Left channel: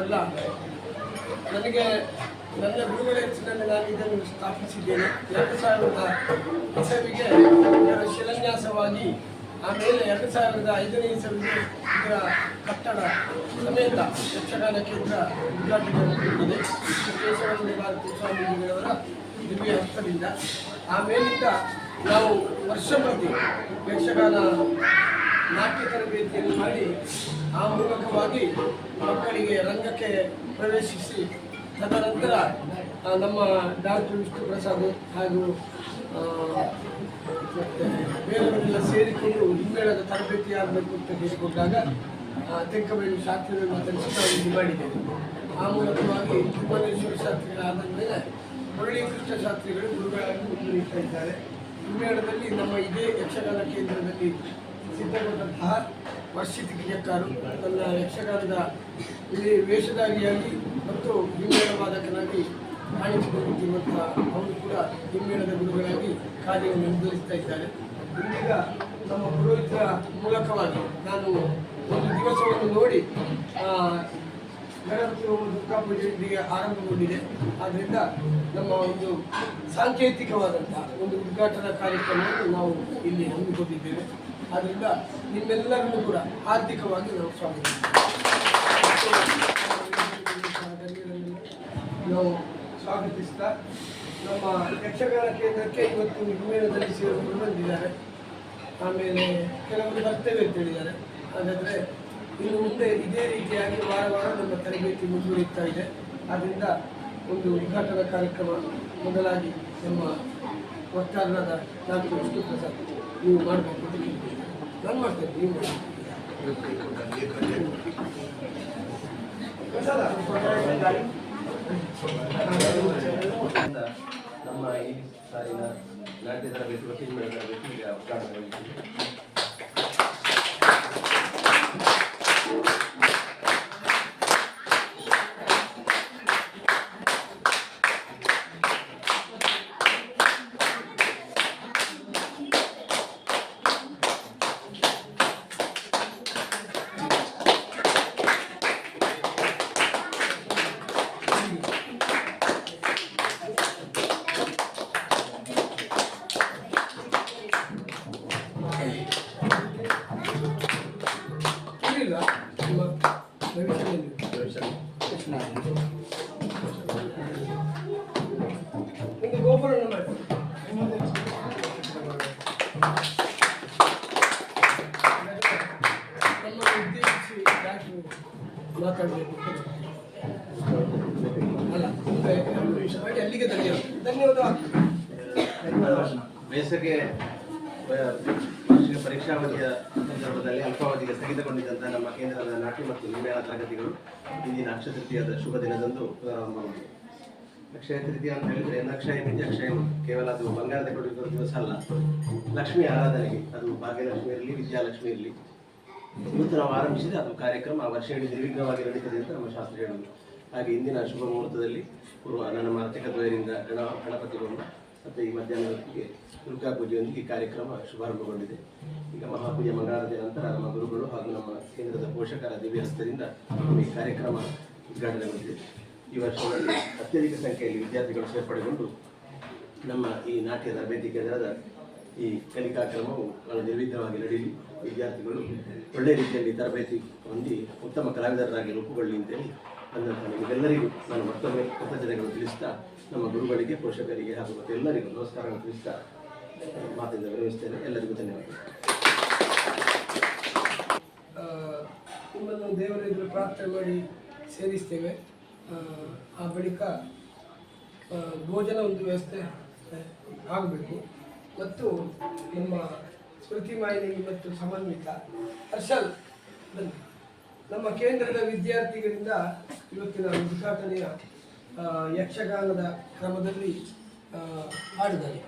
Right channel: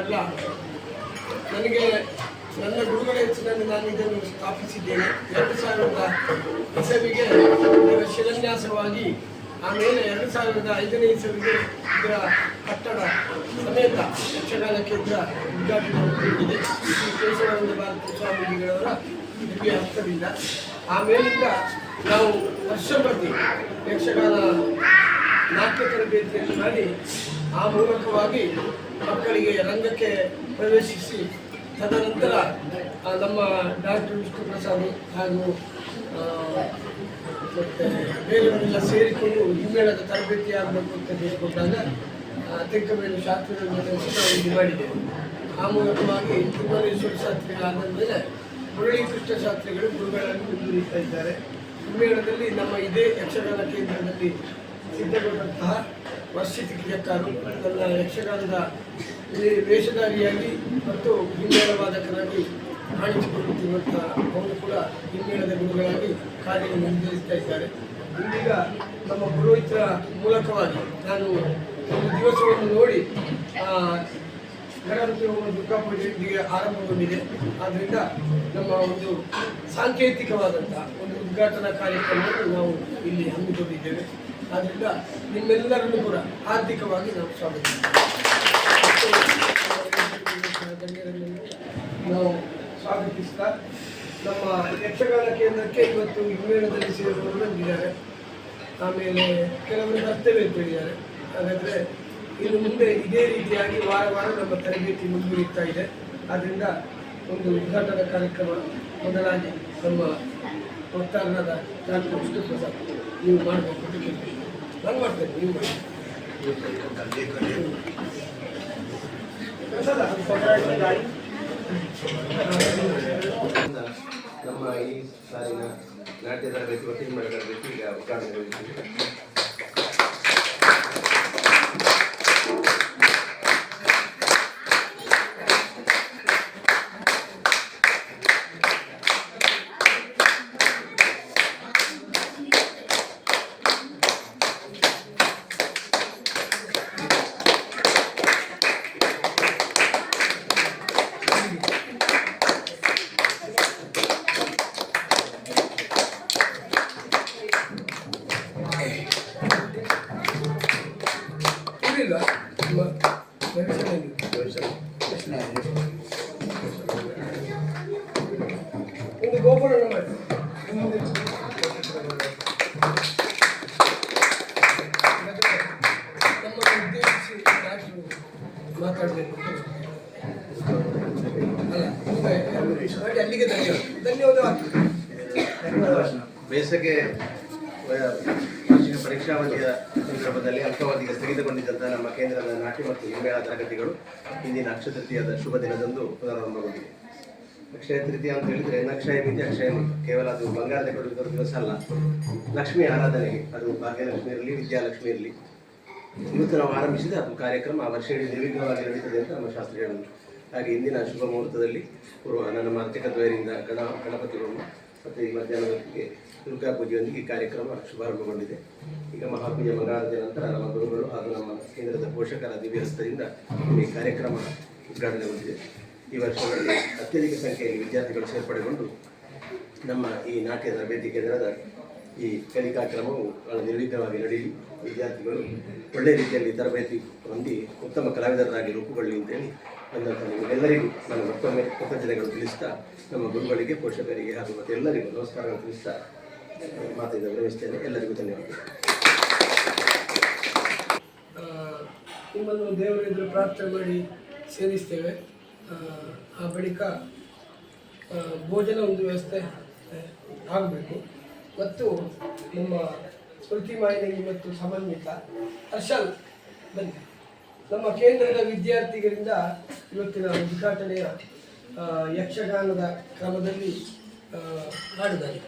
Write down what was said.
ಅಲ್ಲ, ನನಗೆ ನನ್ನ ಗುರುಗಳ ಹೆಚ್ಚಿನಲ್ಲಿ ನಾನು ಇದನ್ನು ಸ್ಥಾಪಿಸಿದ್ದೇನೆ 2000 ಇಸವಿಗೆ ಇದರ ಶಿಲಾನ್ಯಾಸವಾಗಿ, ಆಮೇಲೆ 2005ನೇ ಇಸವಿಗೆ ಇದರ ಕಟ್ಟಡ ಸಮೇತ ಯಕ್ಷಗಾನ ಕೇಂದ್ರ ಉದ್ಘಾಟನೆಗೊಂಡಿದೆ ಕೇಶವಾನಂದ ಭಾರತಿ ಸ್ವಾಮೀಜಿಗಳವರ ದಿವ್ಯ ಹಸ್ತದಿಂದ. ಆಮೇಲಿಂದ ನಾವು ವರ್ಷ ಪ್ರತಿ ಯಕ್ಷಗಾನ ನಾಟ್ಯ ತರಬೇತಿಯನ್ನು ಮಾಡಿ ಆ ಮೂಲಕವಾಗಿ ಮಕ್ಕಳಿಗೆ ರಂಗಕ್ಕೆ ಪ್ರವೇಶಿಸಿ, ತದನಂತರ ನಮ್ಮ ಡಾಕ್ಟರ್ ವಿಷ್ಣು ಪ್ರಸಾದ್ ಹಾಗೂ ಮತ್ತು ಬೇರೆಯವರೆಲ್ಲ ಸೇರಿಕೊಂಡು ಹಿಮ್ಮೇಳದ ತರಬೇತಿ ಆಗಬೇಕು ಅಂತ ಹೇಳಿಕೊಂಡಾಗ ತಿರುಕಬೇಲು ಶಾಸ್ತ್ರಿಗಳನ್ನು ತರಿಸಿ ನಾವು ಇದು ಮಾಡಿದ್ದೇವೆ. ಆ ಮೂಲಕವಾಗಿ ತಿಮ್ಮನೇಶ್ವರ ಶಾಸ್ತ್ರಿಗಳಾದ ಮೇಲೆ ಮುರಳಿ ಕೃಷ್ಣ ಶಾಸ್ತ್ರಿಗಳು ಗುರುಗಳಾಗಿ ಮುಂದುವರಿತಾ ಇದ್ದಾರೆ. ಹಿಮ್ಮೇಳದಲ್ಲಿ ನಮ್ಮ ಇದೇ ಯಕ್ಷಗಾನ ಕೇಂದ್ರದಲ್ಲಿ ಸಿದ್ಧಗೊಂಡಂತಹ ವರ್ಷಿತಿಕಿಯಕ್ಕರು ತನ್ನ ಯಕ್ಷಗಾನದ ವೇಷಧಾರಿಯಾಗಿ ಮತ್ತು ಹಿಮ್ಮೇಳ ವಾದಕನಾಗಿ ಕಾಣಿಸಿಕೊಳ್ಳುತ್ತಿರುವಂಥ ಅವರು ಕೂಡ ಹಿಮ್ಮೇಳದ ಗುರುಗಳಾಗಿ ಕಾರ್ಯನಿರ್ವಹಿಸ್ತಾ ಇದ್ದಾರೆ. ಇದೀಗ ನಮ್ಮ ಪುರೋಹಿತರ ಮೂಲಕವಾಗಿ ನಾನು ಒಂದು ದಿವಸವನ್ನು ನೋಡಿ ಗಣಪತಿ ಹೋಮ ದುರ್ಗಾಪೂಜೆ ಇದೀಗ ಆರಂಭಗೊಂಡಿದೆ. ಆದ್ದರಿಂದ ನಮ್ಮ ಒಂದು ಸಾಂಕೇತಿಕವಾದಂಥ ಒಂದು ಉದ್ಘಾಟನಾ ಕಾರ್ಯಕ್ರಮವನ್ನು ನಾವು ಇಲ್ಲಿ ಹಮ್ಮಿಕೊಂಡಿದ್ದೇವೆ. ಆದ್ದರಿಂದ ನಿಮ್ಮೆಲ್ಲರನ್ನು ಕೂಡ ಆರ್ಥಿಕವಾಗಿ ನಾವು ಸ್ವಾಗತ ನಾವು ಸ್ವಾಗತಿಸ್ತಾ, ನಮ್ಮ ಯಕ್ಷಗಾನ ಕೇಂದ್ರಕ್ಕೆ ಇವತ್ತು ಹಿಮ್ಮೇಳದಲ್ಲಿ ಸೇರಿದವರು ಬಂದಿದ್ದಾರೆ. ಆಮೇಲೆ ಕೆಲವರು ಬರ್ತೇವೆ ಅಂತ ಹೇಳಿದ್ದಾರೆ. ಹಾಗಾದರೆ ಇನ್ನು ಮುಂದೆ ಇದೇ ರೀತಿಯಾಗಿ ವಾರ ವಾರ ನಮ್ಮ ತರಬೇತಿ ಮುಂದುವರಿತಾ ಇದೆ. ಆದ್ದರಿಂದ ಒಂದು ಉದ್ಘಾಟನಾ ಕಾರ್ಯಕ್ರಮ ಮೊದಲಾಗಿ ನಮ್ಮ ವಕ್ತಾರರಾದ ಡಾಕ್ಟರ್ ವಿಷ್ಣು ಪ್ರಸಾದ್ ನೀವು ಮಾಡಬೇಕು ಅಂತ ಕೇಳ್ತೀನಿ. ನಾನು ಮಾಡ್ತೇನೆ, ನೀವು ಮಾಡಿ. ನಮ್ಮ ಈ ಸಾಲಿನ ನಾಟ್ಯ ತರಬೇತಿ ಒಟ್ಟಿಗೆ ಮಾಡಿದ ತರಬೇತಿ ಈಗ ಉದ್ಘಾಟನೆಗೊಳಿಸಿದೆ. ಮಾತಾಡಬೇಕು ಅಲ್ಲಿಗೆ ಧನ್ಯವಾದ. ಬೇಸಗೆ ವಾರ್ಷಿಕ ಪರೀಕ್ಷಾವಧಿಯ ಸಂದರ್ಭದಲ್ಲಿ ಅಲ್ಪಾವಧಿಗೆ ಸ್ಥಗಿತಗೊಂಡಿದ್ದಂತಹ ನಮ್ಮ ಕೇಂದ್ರದ ನಾಟ್ಯ ಮತ್ತು ಹಿಮ್ಮೇಳ ತರಗತಿಗಳು ಇಂದಿನ ಅಕ್ಷಯ ತೃತೀಯದ ಶುಭ ದಿನದಂದು ಪುನರಾರಂಭಗೊಂಡಿದೆ. ಅಕ್ಷಯ ತೃತೀಯ ಅಂತ ಹೇಳಿದರೆ ನಕ್ಷಯ ಮಿತಿ ಅಕ್ಷಯ ಕೇವಲ ಅದು ಬಂಗಾರದ ಕೊಡುವ ದಿವಸ ಅಲ್ಲ, ಲಕ್ಷ್ಮಿ ಆರಾಧನೆಗೆ, ಅದು ಭಾಗ್ಯಲಕ್ಷ್ಮಿ ಇರಲಿ ವಿದ್ಯಾಲಕ್ಷ್ಮಿ ಇರಲಿ, ಇವತ್ತು ನಾವು ಆರಂಭಿಸಿದ ಅದು ಕಾರ್ಯಕ್ರಮ ಆ ವರ್ಷ ಇಡೀ ನಿರ್ವಿಘ್ನವಾಗಿ ನಡೀತದೆ ಅಂತ ನಮ್ಮ ಶಾಸ್ತ್ರ ಹೇಳಿದರು. ಹಾಗೆ ಇಂದಿನ ಶುಭ ಮುಹೂರ್ತದಲ್ಲಿ ನಮ್ಮ ಅರ್ಚಕದ್ವಯರಿಂದ ಗಣಪತಿ ಹೋಮ ಮತ್ತು ಈ ಮಧ್ಯಾಹ್ನದ ಹೊತ್ತಿಗೆ ದುರ್ಗಾ ಪೂಜೆಯೊಂದಿಗೆ ಈ ಕಾರ್ಯಕ್ರಮ ಶುಭಾರಂಭಗೊಂಡಿದೆ. ಈಗ ಮಹಾಪೂಜೆ ಮಂಗಳಾರತಿಯ ನಂತರ ನಮ್ಮ ಗುರುಗಳು ಹಾಗೂ ನಮ್ಮ ಕೇಂದ್ರದ ಪೋಷಕರ ದಿವ್ಯಹಸ್ತದಿಂದ ಈ ಕಾರ್ಯಕ್ರಮ ಉದ್ಘಾಟನೆಗೊಂಡಿದೆ. ಈ ವರ್ಷದಲ್ಲಿ ಅತ್ಯಧಿಕ ಸಂಖ್ಯೆಯಲ್ಲಿ ವಿದ್ಯಾರ್ಥಿಗಳು ಸೇರ್ಪಡೆಗೊಂಡು ನಮ್ಮ ಈ ನಾಟ್ಯ ತರಬೇತಿ ಕೇಂದ್ರದ ಈ ಕಲಿಕಾ ಕ್ರಮವು ನಿರ್ವಿಘ್ನವಾಗಿ ನಡೆಯಲಿ, ವಿದ್ಯಾರ್ಥಿಗಳು ಒಳ್ಳೆಯ ರೀತಿಯಲ್ಲಿ ತರಬೇತಿ ಹೊಂದಿ ಉತ್ತಮ ಕಲಾವಿದರಾಗಿ ರೂಪುಗೊಳ್ಳಿ ಅಂತೇಳಿ ಬಂದಂಥ ನಿಮಗೆಲ್ಲರಿಗೂ ನಾನು ಮತ್ತೊಮ್ಮೆ ಕೃತಜ್ಞತೆಗಳು ತಿಳಿಸ್ತಾ, ನಮ್ಮ ಗುರುಗಳಿಗೆ, ಪೋಷಕರಿಗೆ ಹಾಗೂ ಮತ್ತು ಎಲ್ಲರಿಗೂ ನಮಸ್ಕಾರಗಳು ತಿಳಿಸ್ತಾ ಮಾತಿನಿಂದ ವಿರಮಿಸ್ತೇನೆ. ಎಲ್ಲರಿಗೂ ಧನ್ಯವಾದ. ನಿಮ್ಮನ್ನು ದೇವರಿದ್ರು ಪ್ರಾರ್ಥನೆ ಮಾಡಿ ಸೇರಿಸ್ತೇವೆ. ಆ ಬಳಿಕ ಭೋಜನ ಒಂದು ವ್ಯವಸ್ಥೆ ಆಗಬೇಕು. ಮತ್ತು ನಮ್ಮ ಸ್ಮೃತಿ ಮಾಯಿನಿ ಮತ್ತು ಸಮನ್ವಿತ ಹರ್ಷಲ್ ಬನ್ನಿ. ನಮ್ಮ ಕೇಂದ್ರದ ವಿದ್ಯಾರ್ಥಿಗಳಿಂದ ಇವತ್ತಿನ ಉದ್ಘಾಟನೆಯ ಯಕ್ಷಗಾನದ ಕ್ರಮದಲ್ಲಿ ಹಾಡುತ್ತಾರೆ.